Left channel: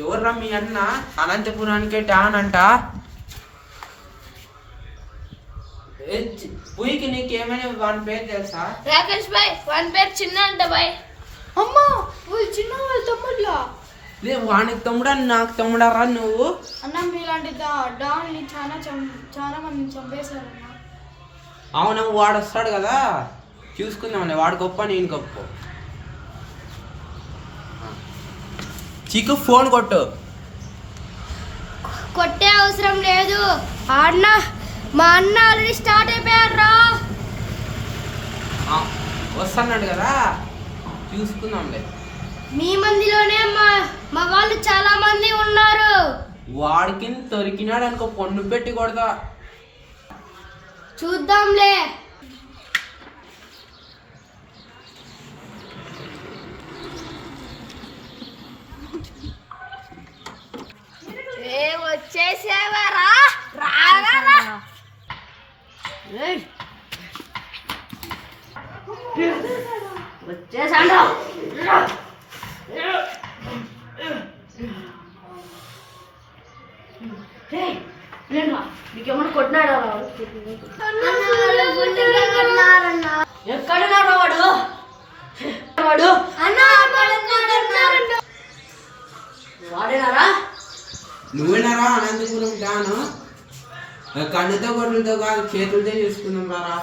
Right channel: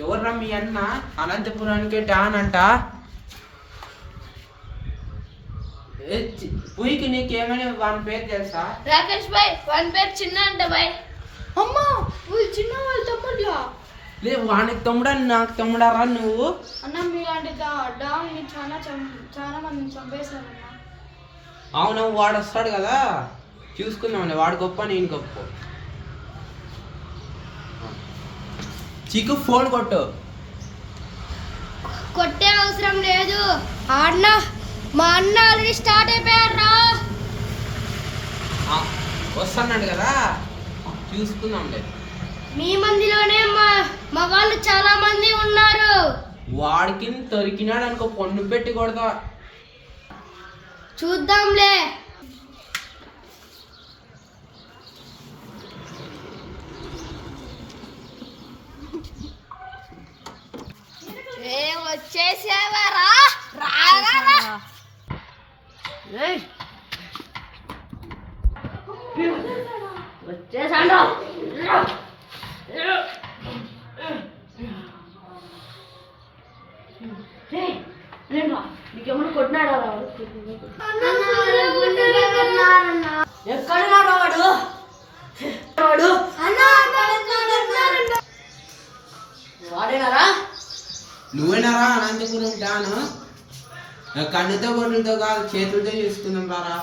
ఎవర్రా మీ అన్న అనంతపురానికి డాన్ అంట. పూయికి నీకేమైనా వాని పేరు తెలుసా? రాకేష్ భాయ్ వాని పేరు చిన్న అంట భాయ్. అమ్మా వాళ్ళు చిన్న వాళ్ళ తమ్ముళ్ళ. లే వానికి తమ్ముడా నాకు తమ్ముడారా నువ్వు? అన్న మీలాంటి డాన్ని చాలా మందిని చంపేశారన్న. అవును వాడు వస్తాడు కదా చూసుకుందాంలే, వాడు గొప్ప నేను గొప్ప. చీకు ఫోన్ కొట్టు. కొట్టే అవసరం లేదు అన్న, మా అన్న ఆల్రెడీ స్టార్ట్ అయిపోయారా. వస్తున్నాడు కదా చూసుకుందాంలే. మీ మందిలోనే మా వాళ్ళు చాలా మంది ఉన్నారు. వాడికి దొరికినాడు అనుకో పొన్ను పెట్టి కొడతా. చూద్దాంలే. వచ్చేసేవారా వచ్చేసాడు. నీకేమన్నా కొట్టినాడా? ఎక్కడున్నాడు వాడు? వాడేనారా? నువ్వేనారా అనంతపురం డాను? కన్నుతో కొట్టుతో కాదు చేతులతో చూసుకుందాం రారా.